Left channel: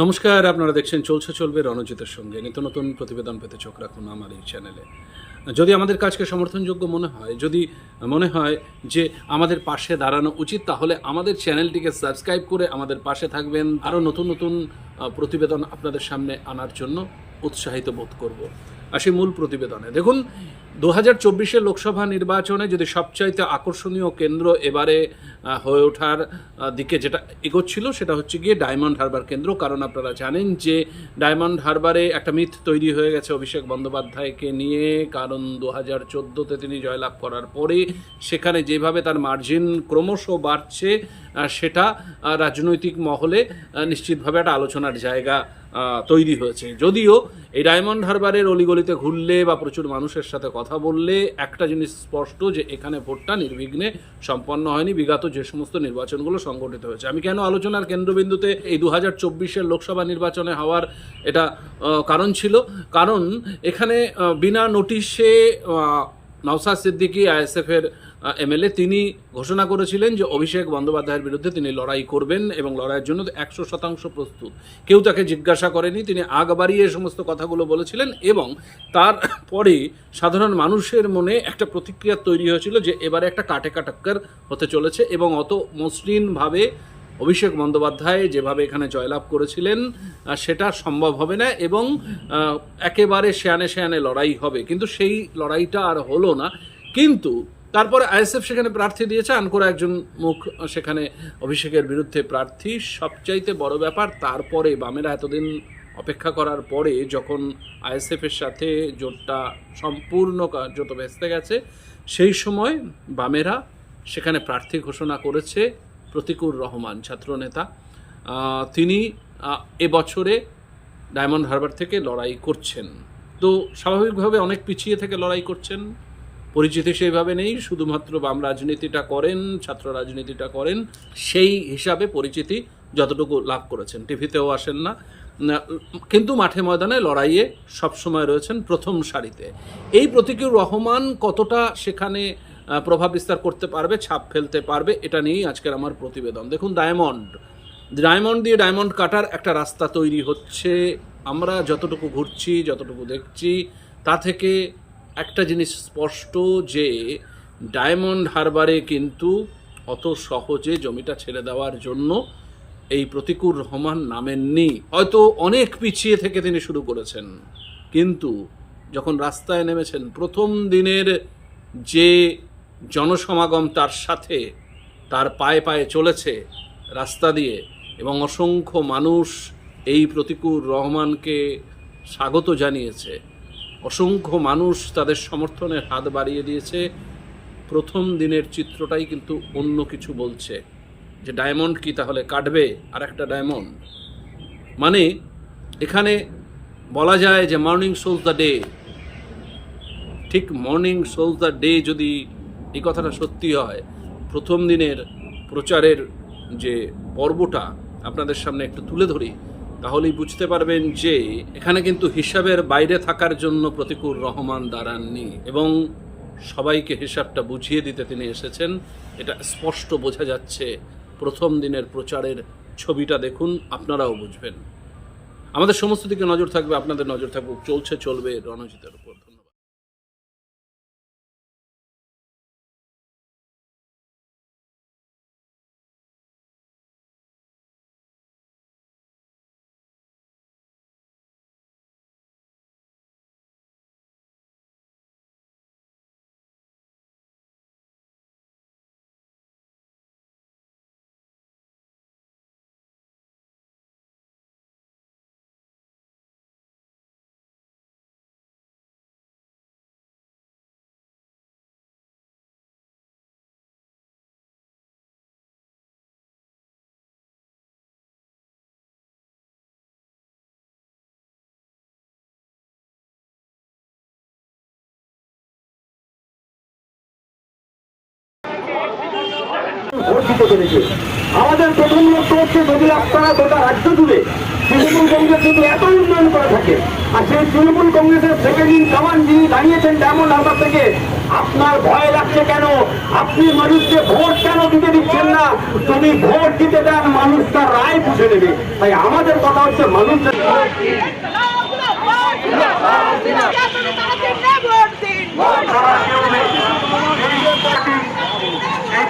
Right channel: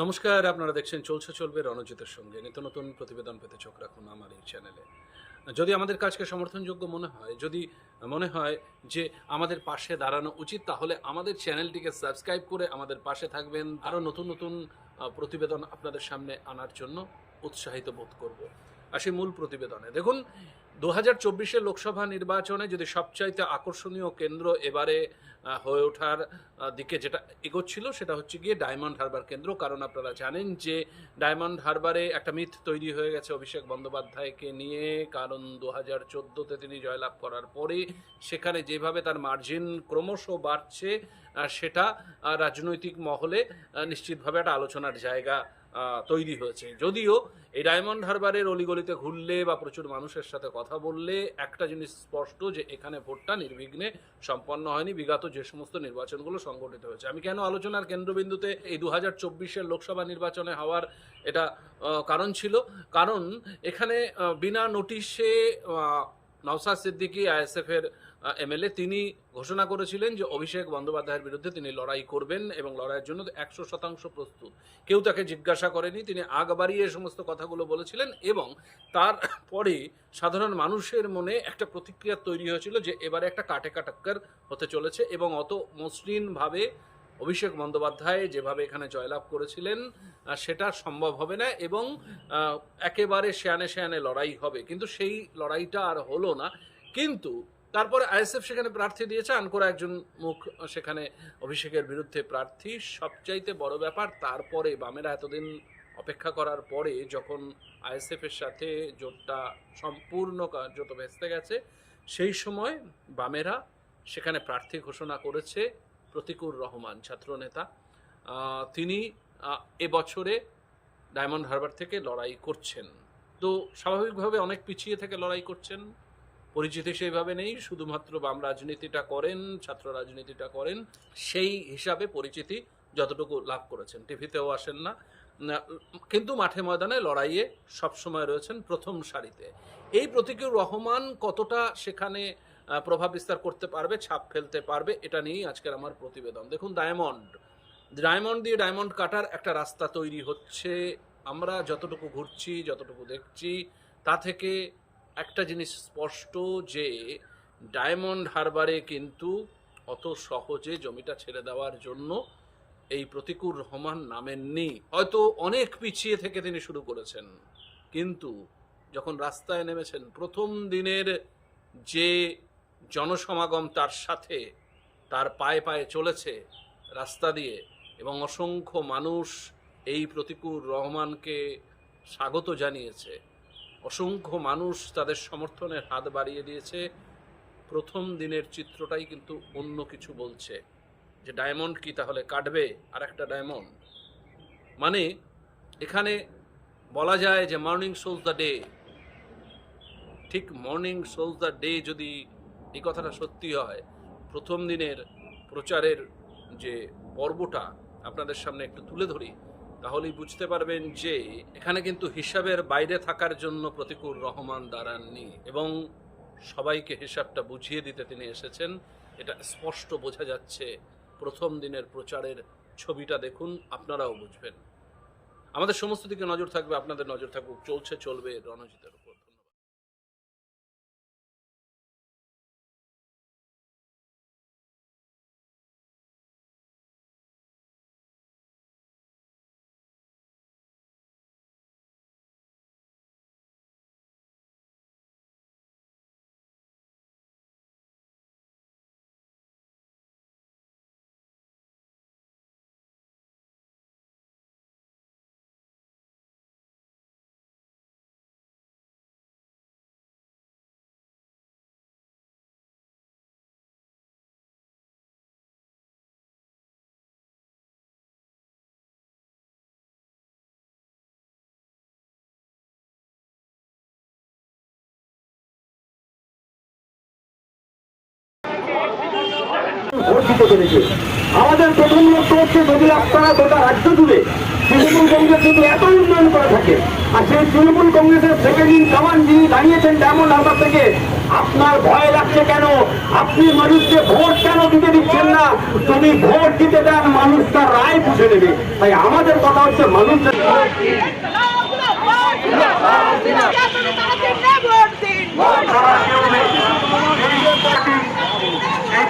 নমস্কার, আপনারা দেখছেন চলছে চলবে রণজিতের সঙ্গে। নিত্য নতুন প্রতিবেদন পেতে চোখ রাখুন আমার এই চ্যানেলে। যদি আমাদের কাজকে সমর্থনযোগ্য মনে হয়, যদি মনে হয় যে আমাদের পাশে দাঁড়ানো উচিত, তাহলে আমাদের চ্যানেলটিকে সাবস্ক্রাইব করে আমাদের পাশে থাকবেন। আরও নতুন নতুন প্রতিবেদন আপনাদের সামনে আনার জন্য উৎসাহিত বোধ করব। আসি মূল প্রতিবেদনে। দেখুন, দু হাজার চব্বিশের লোকসভা নির্বাচনে যদি সবচাইতে আকর্ষণীয় কেন্দ্র এবারে হয়ে ওঠার দিকে যেটা এগোচ্ছিল সেটা হচ্ছে গিয়ে ডায়মন্ড হারবার কেন্দ্র। কারণ আপনারা জানেন যে ডায়মন্ড হারবারে একটা মিথ তৈরি হয়ে গেছে অভিষেক বন্দ্যোপাধ্যায়কে নিয়ে। কারণ দু হাজার চোদ্দোতে তিনি জয়লাভ করার পরে সেখানে যেভাবে তার মার্জিন ক্রমশ বাড়ছে সেটা রাজনৈতিক মহলে নিশ্চিতভাবে একটা আলোচনার জায়গা তৈরি হয়েছে। যদিও এই ডায়মন্ড হারবারের অলিগলিতে ঘুরলে বা প্রচুর মানুষের সাথে কথা বললে, একটা জিনিস স্পষ্ট যে এখানে ভোটটা নির্বিঘ্নে সম্পন্ন হয়নি, বিগত যে সমস্ত নির্বাচনগুলো সংগঠিত হয়েছে। আমি কেন আলোচনার কেন্দ্রবিন্দুতে এই দু হাজার চব্বিশের লোকসভা নির্বাচনে হওয়ার এটা কারণ ছিল? কারণ এখানে বিনা নোটিশে নওসাদ সিদ্দিকী, আইএসএফের এমএলএ তিনি ঘোষণা করেছিলেন যে অভিষেক বন্দ্যোপাধ্যায়ের বিরুদ্ধে তিনি লড়াই করবেন এবং লড়াইয়ের জন্য একশো শতাংশ প্রস্তুত। কেউ তাকে জিজ্ঞাসা করেনি, তিনি আগ বাড়িয়ে সমস্ত কথাগুলো বলেছিলেন এবং তারপরে সাধারণ মানুষের মনে একটা প্রতিক্রিয়া তৈরি হয়েছিল যে এবারে একটা কাটে কাটাক্কার হতে চলেছে এবং অত মসৃণভাবে অভিষেক বন্দ্যোপাধ্যায় যেভাবে এখানে জয়লাভ করেছিলেন সেটা সম্ভব হবে না এবং একেবারে শেয়ানে শেয়ানে লড়াই হবে। কিন্তু সেই লড়াইটা আর হলো না। কিন্তু তারপরে আইএসএফ সেখানে প্রার্থী দিয়েছে, আনকোরা একজন মুখ সেখানে অভিষেকের বিরুদ্ধে প্রার্থী। সবচাইতে বড় ব্যাপার, তারপরে বামেরা এতদিন অপেক্ষা করার পরে যখন আইএসএফের সাথে জোটটা সম্পূর্ণ কার্যত ভেস্তে গেছে, সেই সময় বামেরা সেখানে প্রার্থী ঘোষণা করেছে প্রতিকুর রহমান ছাত্রনেতা তিনি এবছরে ডায়মন্ড হারবার থেকে লড়াই করছেন। তো স্বাভাবিকভাবে অনেক পিছিয়ে থেকে লড়াই করছেন। পরিচিতি সেইভাবে নেই, শুধুমাত্র বাম রাজনীতিটা করেন, ছাত্র রাজনীতিটা করেন, সেই হিসাবে পরিচিতি যতটুকু লাভ করেছেন। টিভিতেও আসেন না। কিন্তু মাঠে ময়দানে লড়াইয়ে সবসময় রয়েছেন প্রথম সারিতে। এই প্রতীকুর রহমান কতটা সেখানে প্রভাব বিস্তার করতে পারবে, ছাপ ফেলতে পারবে, এটা নিয়েই আজকের আমার প্রতিবেদন। দেখুন, ডায়মন্ড। ডায়মন্ড দিয়ে ডায়মন্ড কাটার একটা রাস্তা তৈরি হচ্ছে। আমরা যতটুকু ঘুরছি, যতটুকু দেখছি, তা থেকে একটা জিনিস স্পষ্ট যে ডায়মন্ড হারবারে কিন্তু অত সহজে জমিটা ছেড়ে দেওয়ার জন্য এই প্রতিকুর রহমান নামেননি। হয়তো অনেক পিছিয়ে থেকে তিনি শুরু করেছেন। কিন্তু যখন রাস্তায় নেমেছেন প্রথম দিনের যে জনসমাগম তার সাথে তার পায়ে পায়ে চলেছে রাস্তা দিয়ে এবং অসংখ্য মানুষ এই প্রতিকুর রহমানকে স্বাগত জানিয়েছে। অসংখ্য মানুষ তাদের সমর্থনের হাত বাড়িয়ে দিয়েছে। প্রথম দিনের চিত্রটাই কিন্তু অন্য কিছু বলছে। যে ডায়মন্ড কি তাহলে কাটবে? আর একটা ডায়মন্ড। মানে এখানে বলা যায় যে মর্নিং সোলস দ্য ডে। ঠিক মর্নিং সোলস দ্য ডে যদি এই কথাটা সত্যি হয়, প্রথম দিনের প্রচারের যে পর্বটা আপনাদের সামনে একটু তুলে ধরি। তাহলেই বুঝতে পারবেন যে এখানে কিন্তু হিসাবের বাইরে থাকার জন্য প্রতিকূল রহমান দাঁড়াননি এবং সবাইকে হিসাবটা বুঝিয়ে দিতে তিনি এসেছেন। এটা স্পষ্ট বোঝা যাচ্ছে। প্রথম দিনের প্রচারের ছবিটা দেখুন, আপনারাও বুঝবেন। আমাদের সমস্ত দিকে নজর থাকবে, আপনাদের নজর থাকবে চলছে, চলবে রণজিতের ভোট দিতে পেরেছে আমাদের প্রথম লক্ষ্য হচ্ছে যদি আপনারা গোটা রাজ্য জুড়ে তৃণমূল কংগ্রেস যদি এত উন্নয়ন করে থাকে। আর সেই তৃণমূল কংগ্রেসের সেকেন্ড ইন কামান যিনি দাঁড়িয়েছেন ডায়মন্ড হারবার থেকে আপনার ভয় লাগছে কেন? আপনি মানুষকে ভোট কেন দিতে দিচ্ছেন না? তুমি ভোট দিতে দেন মানুষ তার রায় বুঝে নেবে। তাই আমাদের কথা হচ্ছে মানুষ এই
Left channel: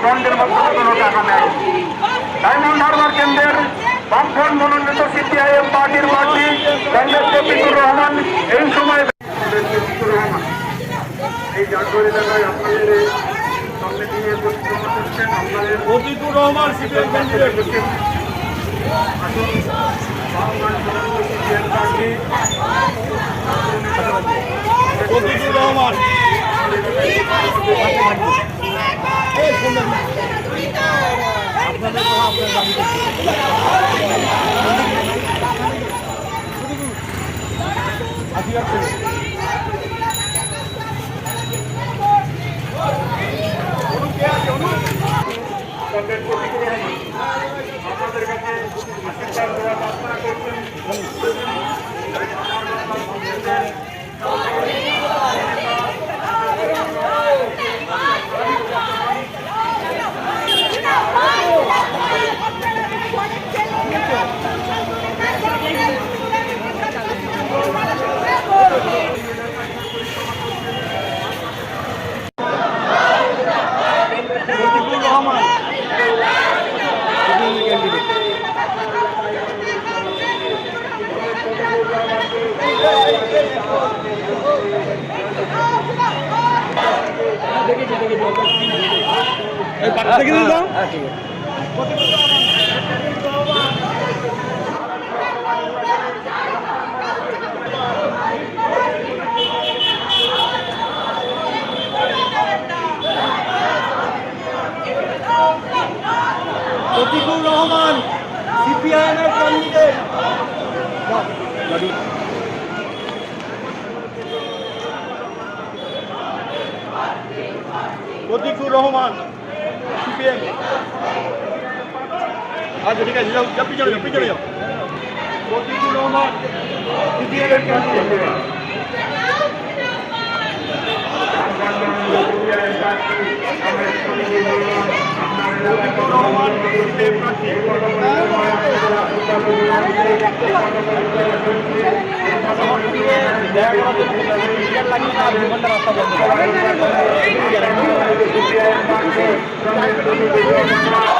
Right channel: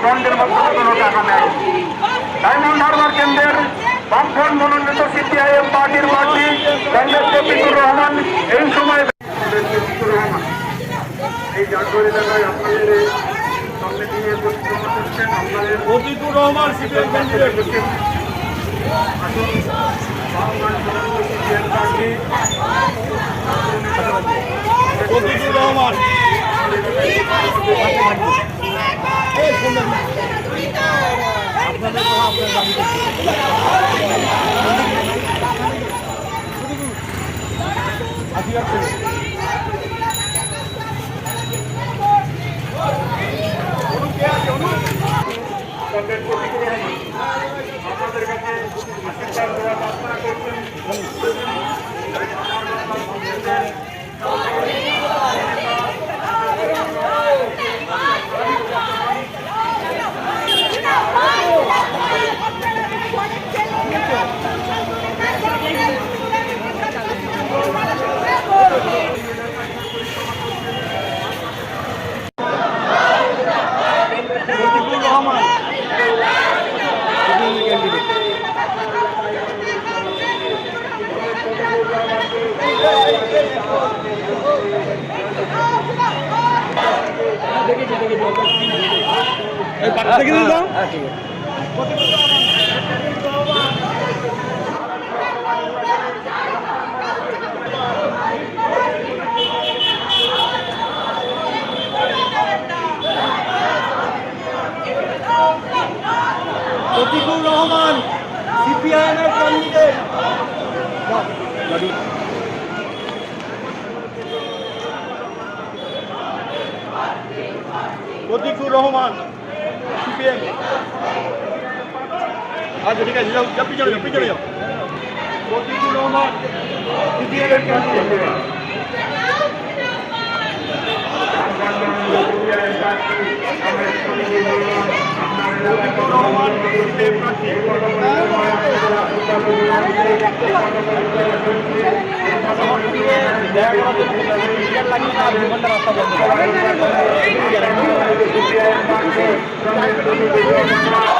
বন্ডের মাধ্যমে কোনো টাকা নেয় ডায়মন্ড হারবার কেন্দ্রের বামফ্রন্ট মনোনীত সিপিআইএম পার্টির প্রার্থী কংগ্রেস শফিকুর রহমান এই সময় রহমান এই জাতীয় এলাকায় আপনাদের এই সামনে দিয়ে পরিক্রমা করছেন আপনাদের রহমান আসুন রহমান। কংগ্রেস দেখে দিন রফিকুর রহমান সিপিআইএম এর রফিকুর রহমান সিপিএম আচ্ছা ঠিক আছে যাও যাও পিছনে যাও পিছনে যাও রফিকুর রহমান সিপিএম এর রফিকুর রহমান